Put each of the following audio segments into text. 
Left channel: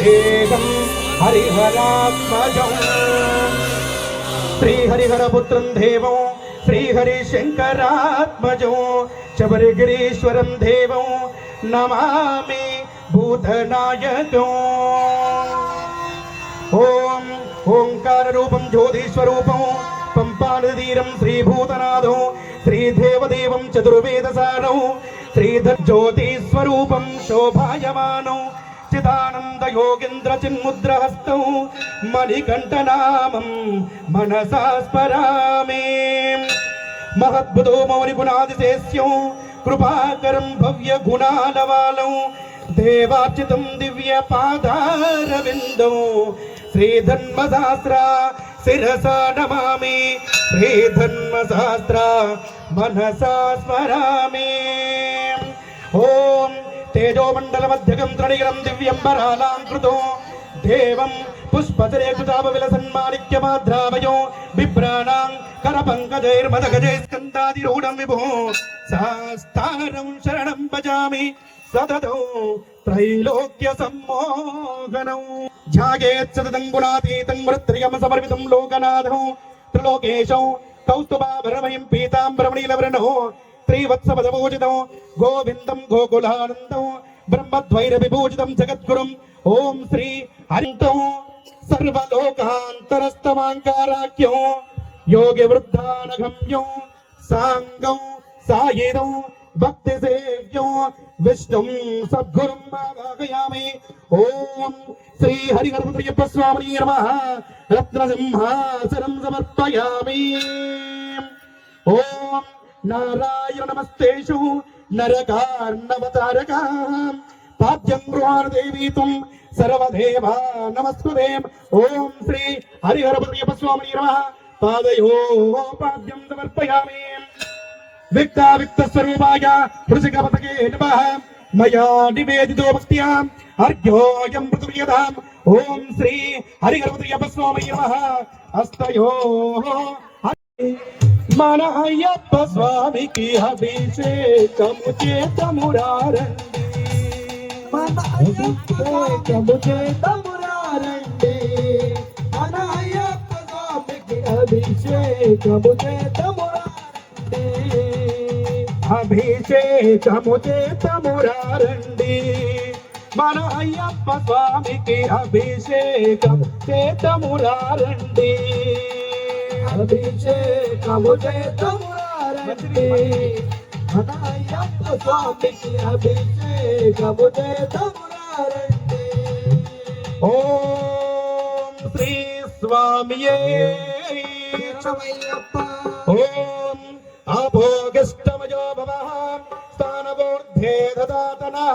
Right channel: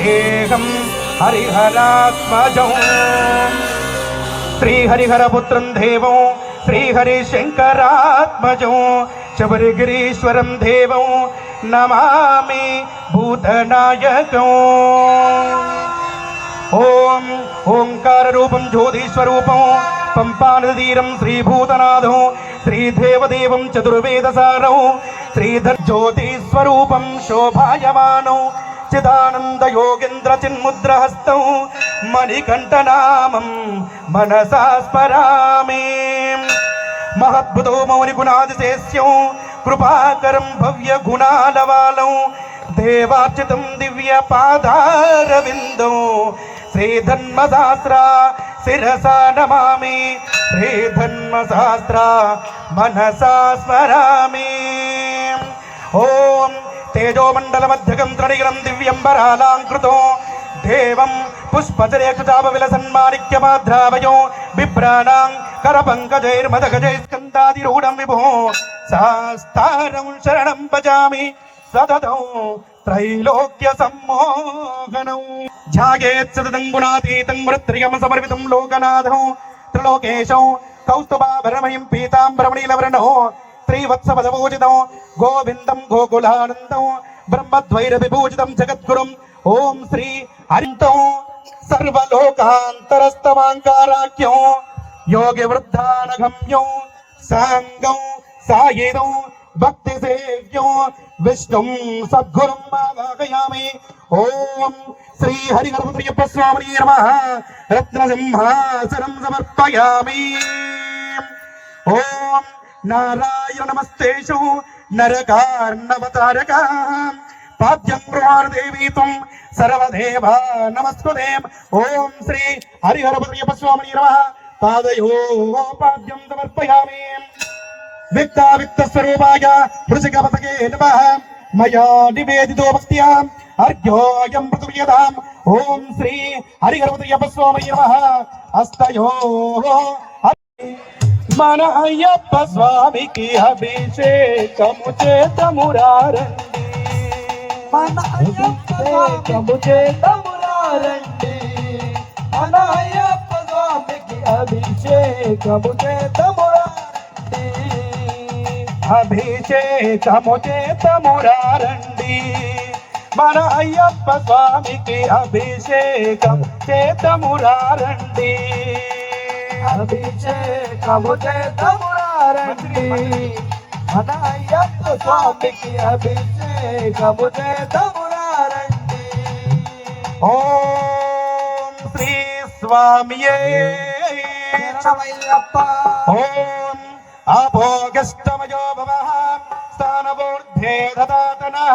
వందేహం హరిహరాత్మజం శ్రీహరిహరపుత్రం దేవం శ్రీహరిశంకరాత్మజం శబరిగిరీశ్వరం దేవం నమామి భూతనాయకం. ఓం ఓంకార రూపం జ్యోతిస్వరూపం పంపానదీరం శ్రీభూతనాథం శ్రీదేవదేవం చతుర్వేదసారం శ్రీధర్జ్యోతిస్వరూపం శోభాయమానం చిదానంద యోగేంద్ర చిన్ముద్రహస్తం మణికంఠనామం మనసా స్మరామి. మహద్భుతో మౌని గుణాదిశేష్యం కృపాకరం భవ్య గుణాలవాలం దేవార్చితం దివ్య పాదారవిందం శ్రీధన్మశాస్త్ర శిరసా నమామి శ్రీధన్మశాస్త్ర మనసా స్మరామి. ఓం తేజోమండలమధ్యగం త్రణీరం దివ్యంబరాలాంకృతో దేవం పుష్పచరేకృతాపవిలసన్మాణిక్యమాధ్రావయో బిభ్రాణాం కరపంకజైర్మదగజైస్కందాదిరూఢం విభో శాస్తారం శరణం భజామి సతతం త్రైలోక్య సమ్మోహనం. ఝాగేత్ సతతం గుణాతీతం మృత్రియం సమర్పితం లోకనాథం త్రిలోకేశం కౌస్తుభాభరణమయం పీతాంబరమణీలవర్ణో శ్రీవత్సపదపూజితం గోవిందం గోకులానందం బ్రహ్మద్వైరవిభూజితం జగద్గురుం ఓం శ్రీ హరితం సర్వలోకాంతరస్తమాంకారాఖ్యం యోగి వృద్ధానగమ్యం సాంగం సాయిరం భక్తి సేవ్యం విష్ణుం సద్గురుం ఆవాహయామి. ఓం శ్రీ హరిహరపుత్రయ్యప్ప స్వామినే నమః రత్నసింహాసనం సమర్పయామి. ఓం నారాయణ నమస్తేషు నరకార్ణవతారక పాద్యం గృహాదేవీ త్వం సర్వదేవా నమస్కుతే. ఓం శ్రీ హరిహరపుత్రయ్యప్ప స్వామినే నమః పాదయో పాద్యం సమర్పయామి. విక్తావిక్తస్వరూపాయ వృషికపతకే నమః మయా నివేదితో భక్త్యా అర్ఘ్యోయం పృథుర్యతాం. ఓం శ్రీ హరిహరపుత్రయ్యప్ప స్వామినే నమః హస్తయో మన అయ్యప్ప స్వామికి అభిషేకము చేతమురారండి మన అభిషేకము చేతమురారండి మన అయ్యప్ప స్వామికి అభిషేకము చేతమురారండి అభిషేకము చేతమురారండి మన అయ్యప్ప స్వామికి అభిషేకం చేతమురారండి అభిషేకము చేతమురారండి మన అయ్యప్ప స్వామికి అభిషేకము చేతమురారండి. ఓం శ్రీ స్వామియే శరణమయ్యప్ప. ఓం అభోగష్టమయో భవః స్థానవోర్ధ్వే దదాతనః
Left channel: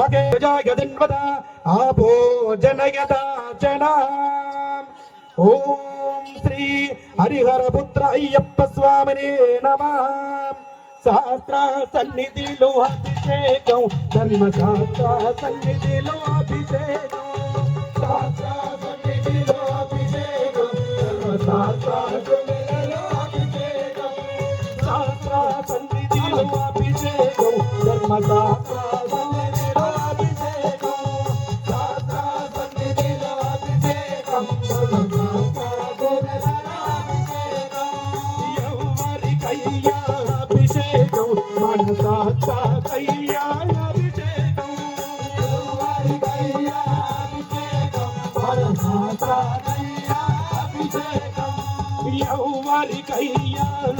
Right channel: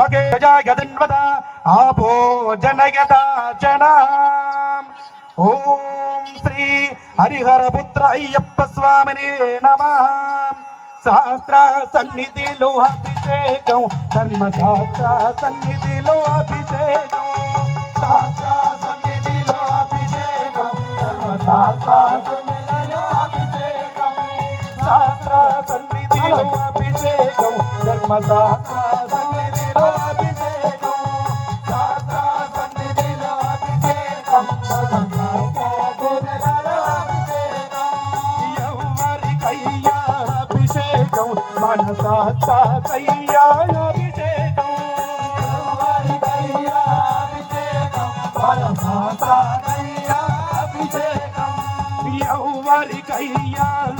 మగే జగదన్వత ఆభో జనయతా జనః. ఓం శ్రీ హరిహరపుత్ర అయ్యప్ప స్వామినే నమః. శాస్త్ర సన్నిధిలో అభిషేకం ధర్మశాస్త్ర సన్నిధిలో అభిషేకం శాస్త్ర సన్నిధిలో అభిషేకం ధర్మశాస్త్ర సన్నిధిలో అభిషేకం శాస్త్ర సన్నిధిలో అభిషేకం ధర్మశాస్త్ర సన్నిధిలో అభిషేకం శాస్త్ర సన్నిధిలో అభిషేకం అభిషేకం మనసా అభిషేకం అభిషేకం మనసా అభిషేకం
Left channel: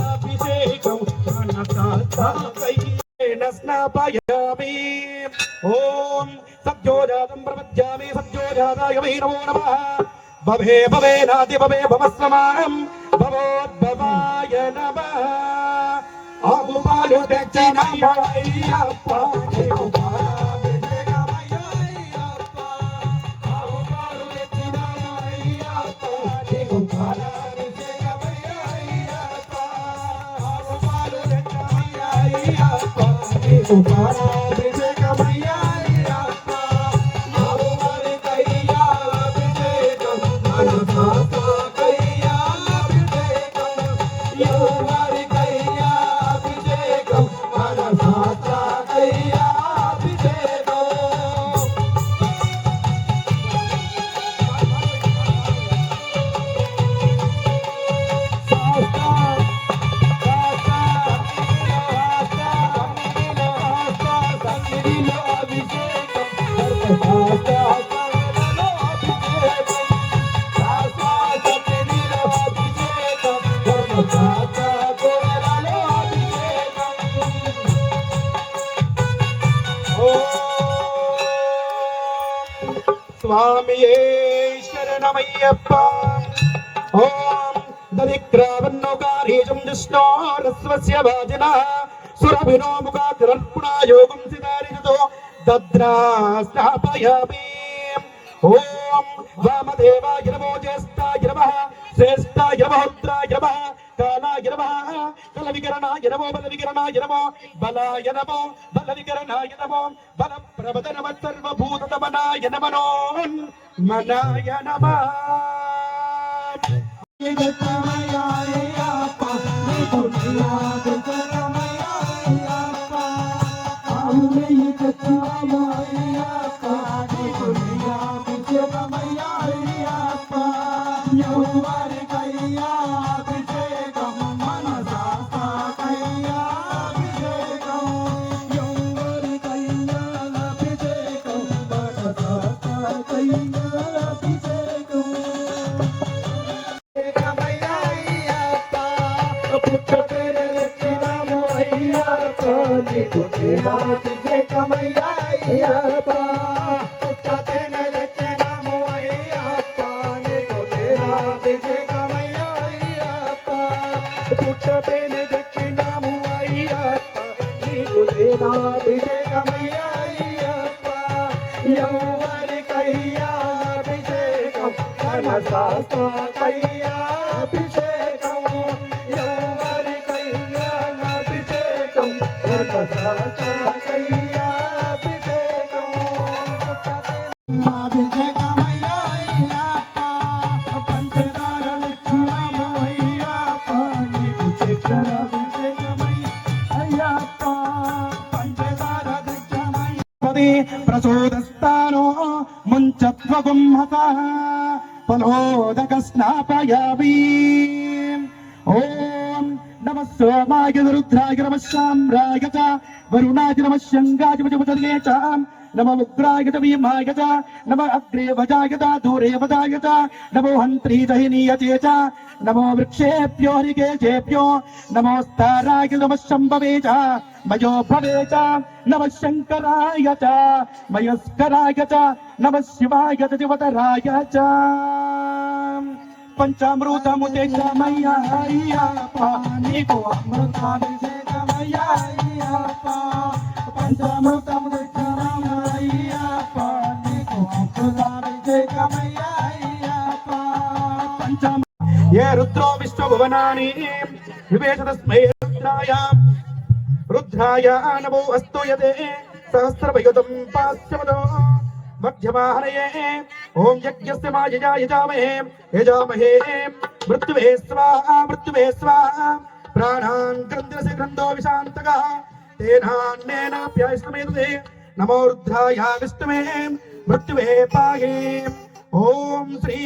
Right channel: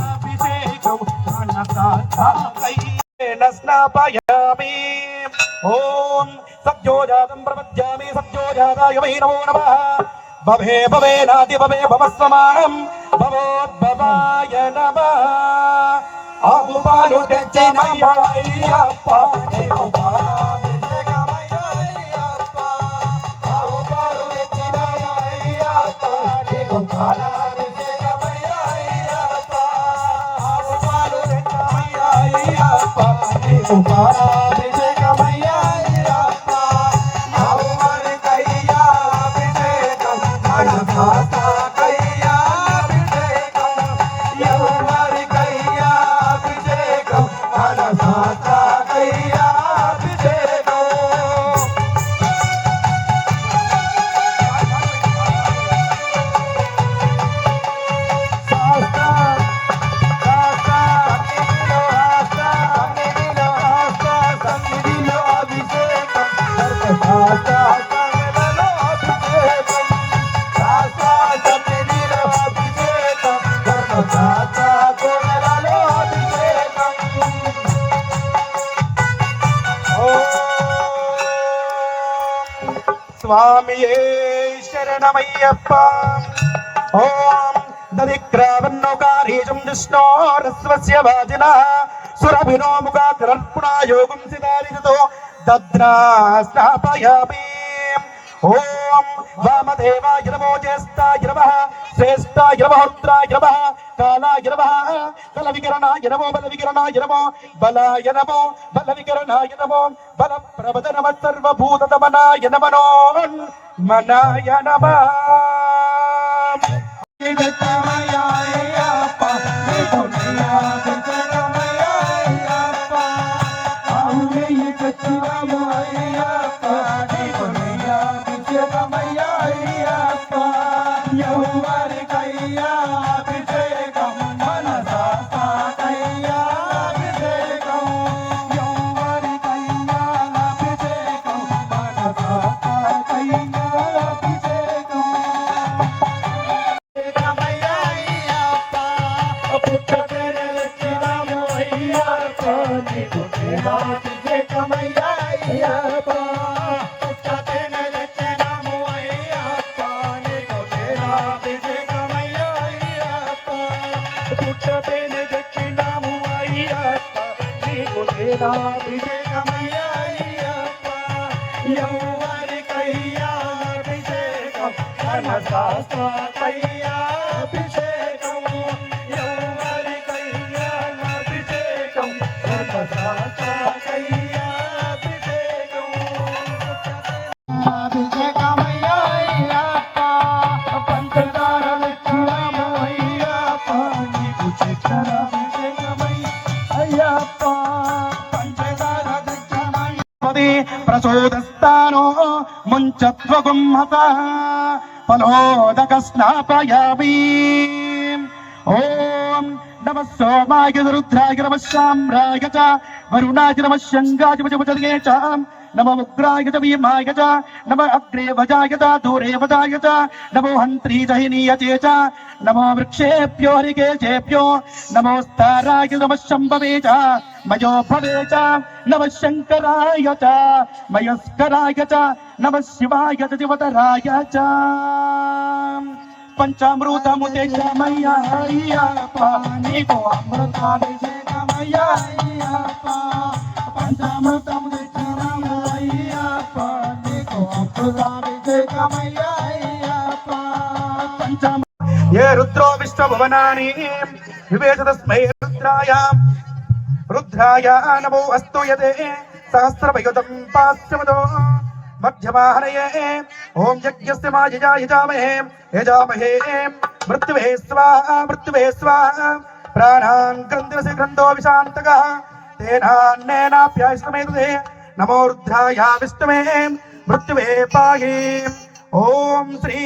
అభిషేకం మనసా స్నాపయామి. ఓం సత్యోజాతం ప్రపద్యామి సత్యోజాతాయ వై నమో నమః. భవే భవే నాది భవే భవస్వమానం భవోద్భవాయ నమః. ఆవు పాలు తెచ్చిన అయ్యప్ప స్వామియే శరణమయ్యప్ప. ఓం దదిక్రావన్నోకారీజం విష్ణోరస్వస్య వాజినః సురభినో ముఖాద్రర్పుణా యోగం సితారితో దద్రా స్థాపయామి. ఓం వామదేవాయ నమో జ్యేష్ఠాయ నమః శ్రేష్ఠాయ నమః రుద్రాయ నమః కాలాయ నమః కలవికరణాయ నమో బలవికరణాయ నమో బలాయ నమో బలవికరణాయ నమో బలప్రభద నమః సర్వభూతదమనాయ నమో మనాయ నమః. ప్రచోదస్తానో ముంచత్వగుంహసః ఫలోదక స్నాపయామి. ఓం నమః సోమాయ రుద్రాయ నమః శామ్రాయ చ వరుణాయ నమః శంగాయ వజవజగే చ నమో ఉగ్రాయ చ భీమాయ చ నమో అగ్రే వజాయ చ దూరే వజాయ చ నమో హంత్రీ జహినీయచే చ నమో వృక్షేభ్యో హరికేశేభ్యో నమోస్తారాయ నమః శంభవే చ మయో భవే చ నమః శంకరాయ చ మయస్కరాయ చ నమః శివాయ చ శివతరాయ చ. పంచామృతముదమయ్య అయ్యప్ప నీకు అమృతాభిషేకమయ్య అయ్యప్ప. పంచామృతముదమయ్యప్ప నీకు అమృతాభిషేకమయ్య అయ్యప్ప. ఏ రుద్రో విశ్వభువనాని వివేచ తస్మై రుద్రాయ నమో అస్తు యదే సహస్రవయుతం పాశ్చమదో మధ్యమాహనయే. ఓం యజ్ఞస్య మాయజా యజామహే యజామహే మృత్యువే స్వాహా మృత్యువే స్వాహా. ప్రాణాన్ గ్రంథిరసి గ్రంథో విశాంతకః తేనాన్నేనాప్యాయస్తమేతుదే. నమో రుద్రాయ విష్ణవే మృత్యువే పాహి. ఓం శ్రీ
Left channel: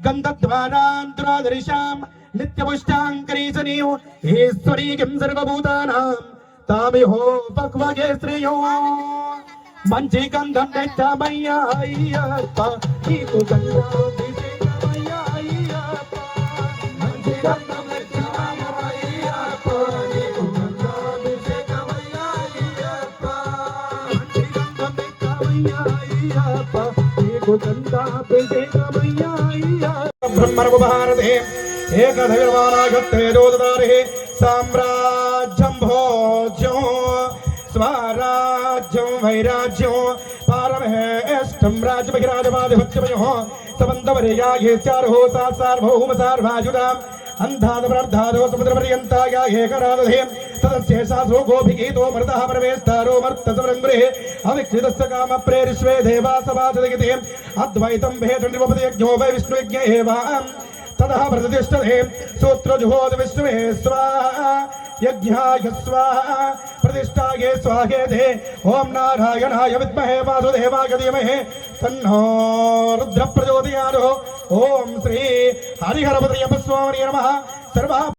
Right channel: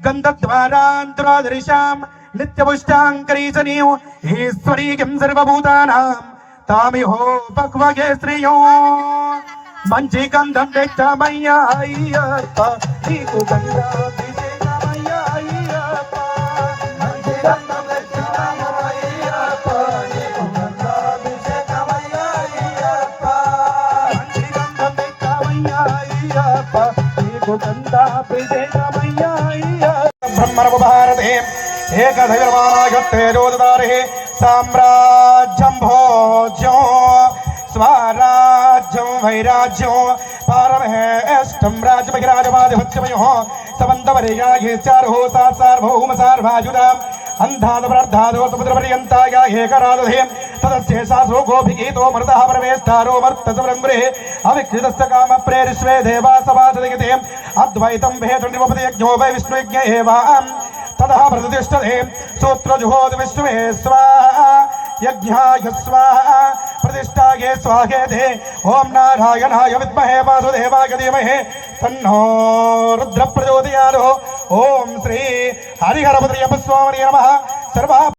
గంధద్వారాంతరాదర్శాం నిత్యపుష్టాంకరీశనీం ఈశ్వరీకిం సర్వభూతానాం తామిహో భగవగే శ్రేయో. మంచి గంధం తెచ్చమయ్యా అయ్యప్ప నీకు గంధాభిషేకమయ్యా అయ్యప్ప. మంచి గంధం తెచ్చమయ్యప్ప నీకు గంధాభిషేకమయ్యా అయ్యప్ప. మంచి గంధం తెచ్చమయ్యా అయ్యప్ప నీకు గంధాభిషేకమయ్యా అయ్యప్ప. బ్రహ్మణము భారతే ఏకధైర్వానాగత్తేజోదారే సామ్రాజ్యం భోజ్యం స్వరాజ్యం వైరాజ్యం పారమహేష్టం రాజ్యమహిరాజమాధిపత్యమయో సమంతవరేయాహేచార్హో సార్వభౌమ సార్వాయుధాం అంధాదపరార్ధాదో సముద్రపర్యంతాయ ఏకరాదధే తదస్యేషాసో గోభిగీతో మృతః పరమేస్తారో మర్తసమృంగ్రే అవిక్రీతస్య కామ ప్రేరిష్వే దేవాసవాచదిగతే అద్వైతం భేషణిపదయజ్ఞో వై విష్ణుయజ్ఞ ఏవాం తదః ప్రతిష్టతే సూత్రజుహోద విష్ణువే స్వాహా యజ్ఞాయ స్వాహా प्रतिष्ठाये स्वाहेते. ओम नारायणाय विद्महे वासुदेवाय धीमहि तन्नो रुद्र प्रचोदयात्. ओम श्री हरिहरपतये नमः. सर्व